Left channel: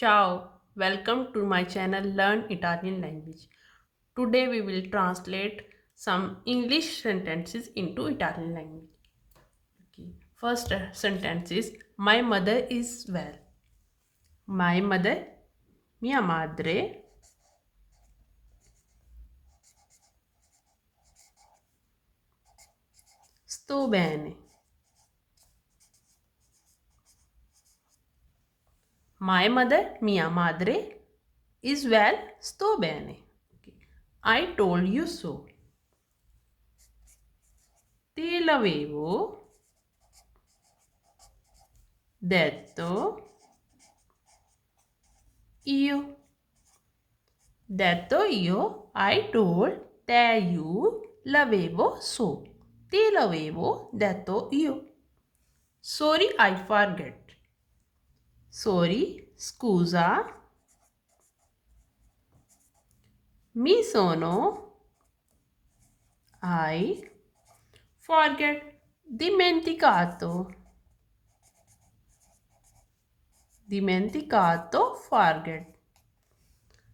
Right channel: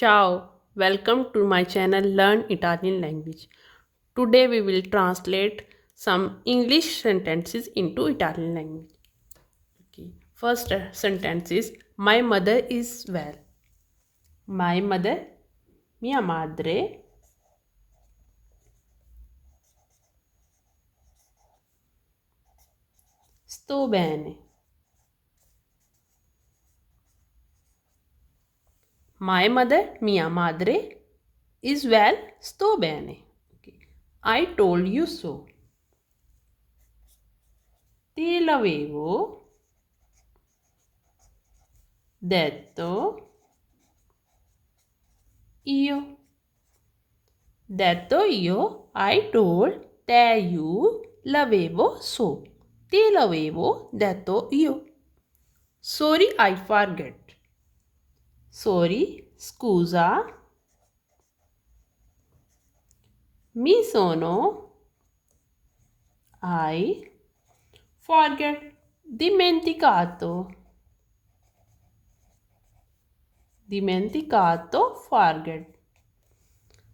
Ciao, welcome to my channel Learn Italian Language. Today we will translate some English sentences into Italian language. Okay. First sentence is My mother is well. My mother, mia madre, sto bene. My mother, mia madre, is well, sto bene. Okay. I told you so. Te l'avevo detto io. Detto io, I told, te you, l'avevo so. Te l'avevo detto io. Sorry, I forget. Sorry, scusa. Mi sono, I forget. Dimenticato. Dimenticato, forget.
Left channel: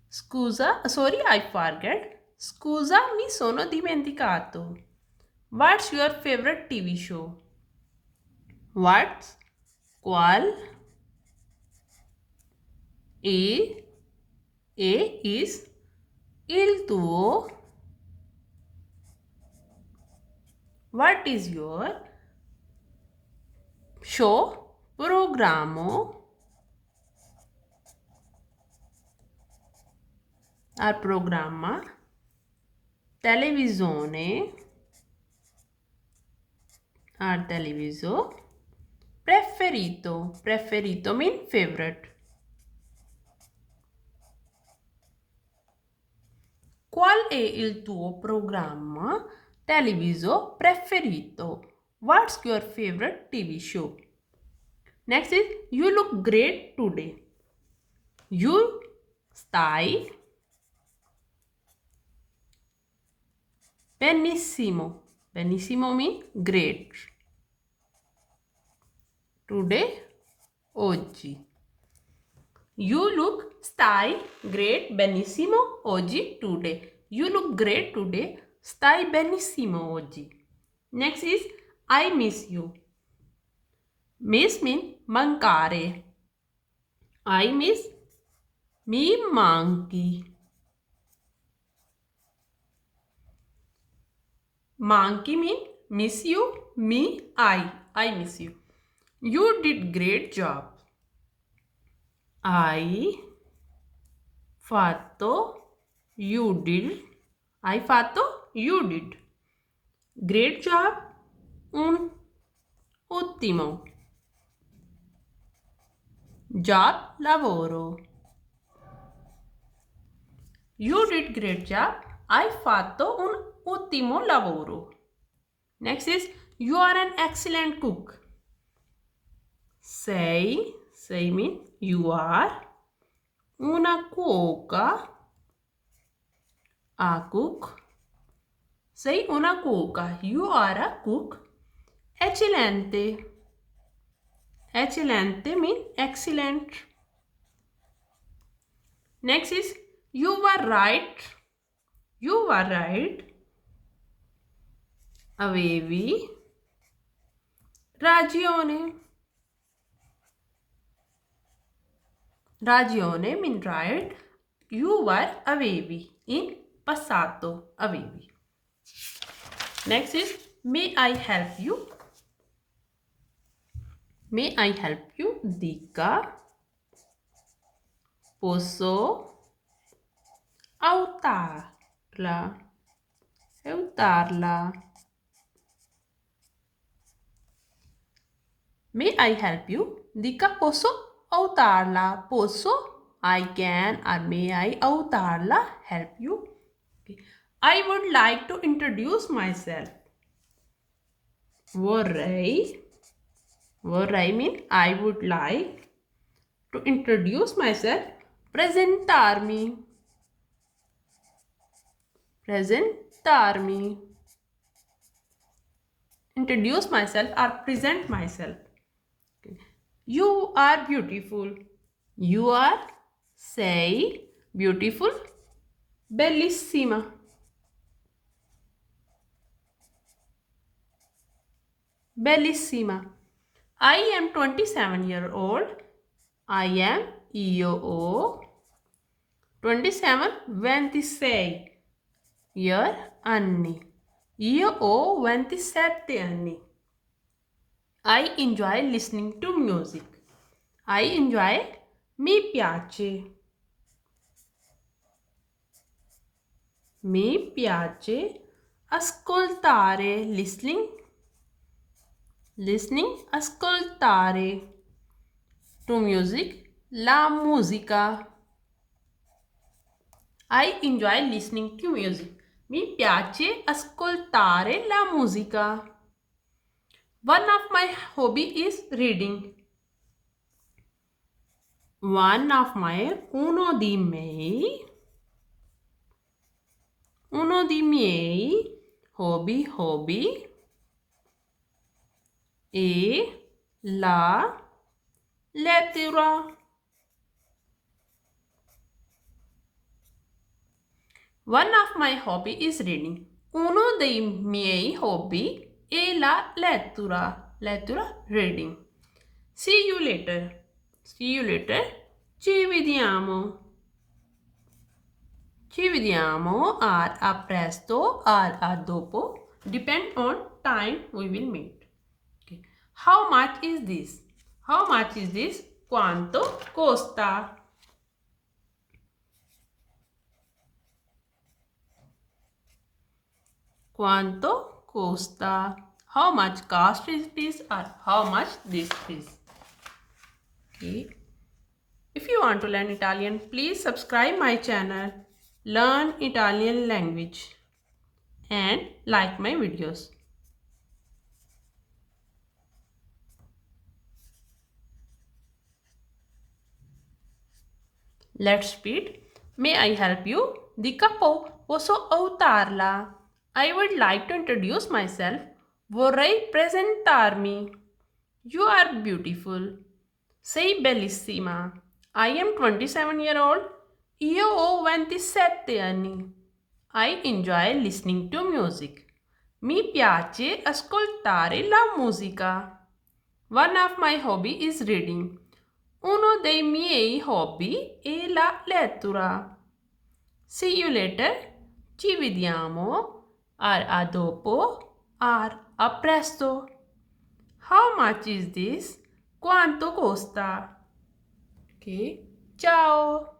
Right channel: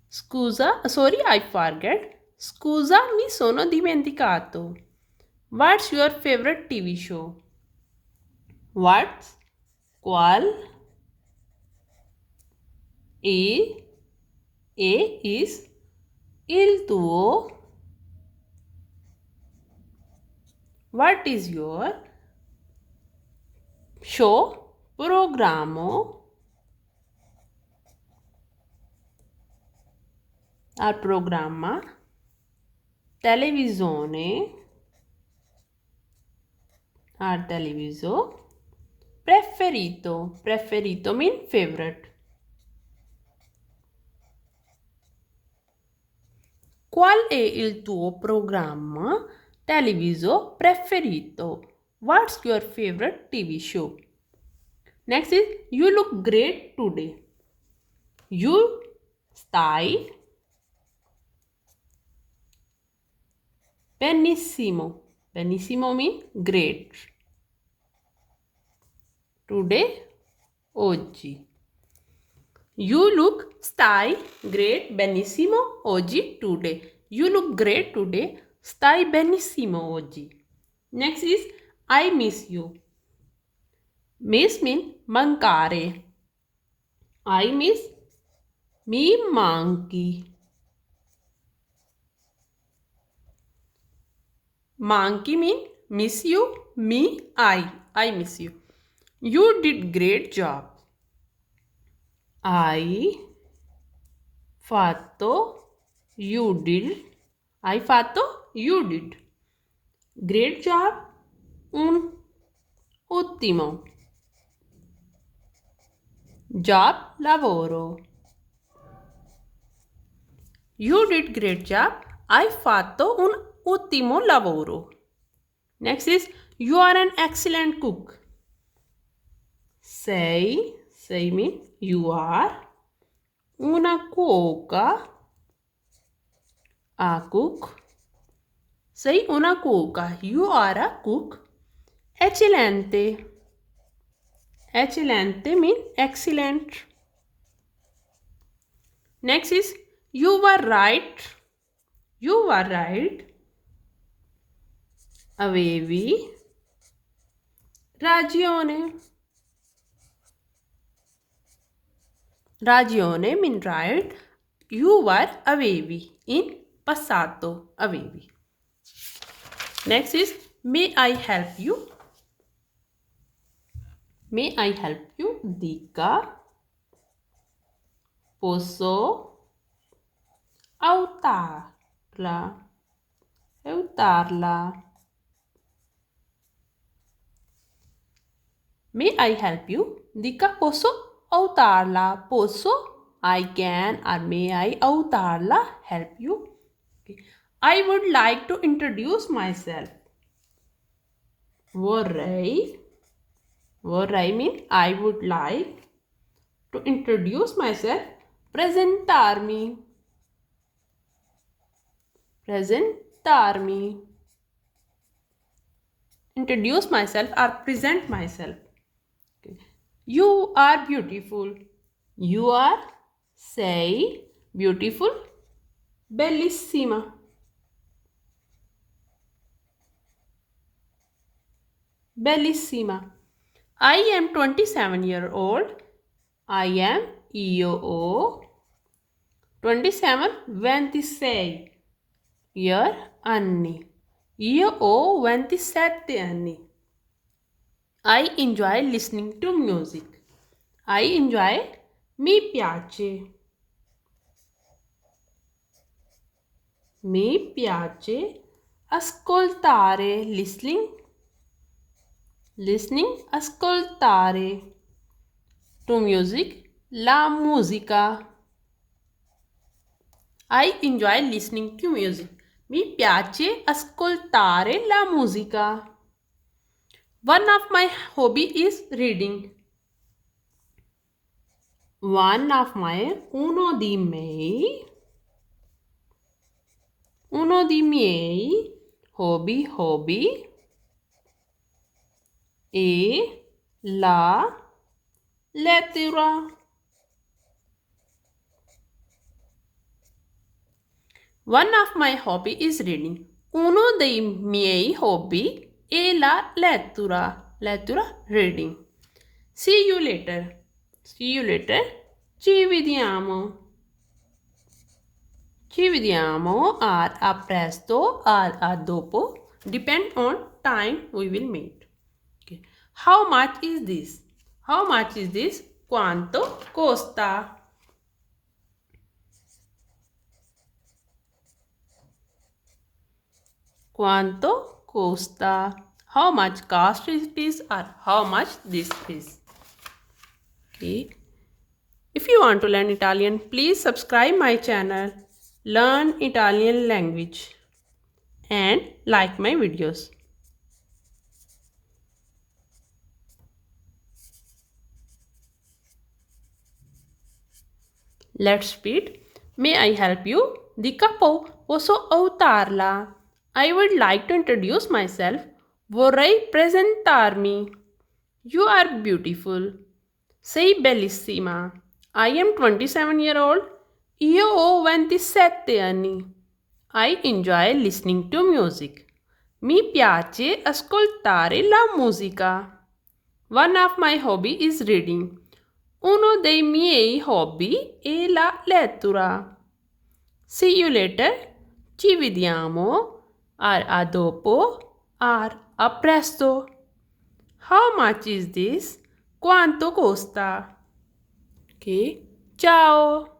Scusa, sorry, I forget. Scusa, mi sono dimenticato. What's your favorite TV show? What's? Qual? E is il tuo. What is your show? Programma. Al programma. Televisione. Al televiso. Preferito. Preferito mean favorite. Qual è il tuo programma televiso preferito? What's your favorite TV show? Next is you look great today. You stai benissimo. Benissimo means great. Today, oggi. You look stai great benissimo oggi today. You look great today. Stai benissimo oggi. Next is I miss you. Miss means mancare. I miss mi manchi. Manchi mean miss you. Me, I miss you. You did great job. Hai fatto, you did. Hai fatto, you did. Great job, un ottimo. Job, lavoro. You did great job. Hai fatto un ottimo lavoro. Next is you are an excellent cook. Sei mean you are una cuoca. A cook. Sei una cuoca. You are a cook. Eccellente. Eccellente mean excellent. Next is you were right. You were right. Avevi ragione. Ragione mean right. You were avevi in passato avevi. Next is may I help you? May I help you? Dica. Posso aiutarla. Aiutarla. May I help you? Dica posso aiutarla. Posso, I can, or may I aiutarla, help you. Okay. I would like to introduce myself. Vorrei mean I would like to introduce myself. Presentarmi. Presentarmi. Introduce myself or present myself. Okay. You are beautiful. You are Sei beautiful. Bellissima. Bellissima. I am 27-year-old. I am io 27 26 year anni. Io ho 27 anni. I enjoy listening to music. I enjoy. Mi piace. Mi piace ascoltare. Ascoltare. To music. La musica. I enjoy listening to music. Mi piace ascoltare la musica. One of my hobby is reading. Uno dei miei hobby è la lettura. One of my hobby is reading. Uno dei miei hobby è la lettura. Lettura, reading. See you later. See you later. Ci vediamo. Ci vediamo. A presto. A dopo. Depend on time we will meet. Okay. How much is this? How much is this? Quanto costa? Quanto costa? How much cost is this or how much this is? Okay. If you want to learn Italian, please subscribe my channel, Learn Italian Language, and like my videos. Let's read. May I help you? Di capo, posso aiutarla? I would like to introduce myself. Vorrei presentarmi. You are beautiful. Sei bellissima. I am 27-year-old. Io ho 27 anni. I enjoy listening to music. Mi piace ascoltare la musica. One of my hobby is reading. Uno dei miei hobby è la lettura. See you later. Ci vediamo. A dopo. A presto. How much is this? Quanto costa? Ok. Ciao.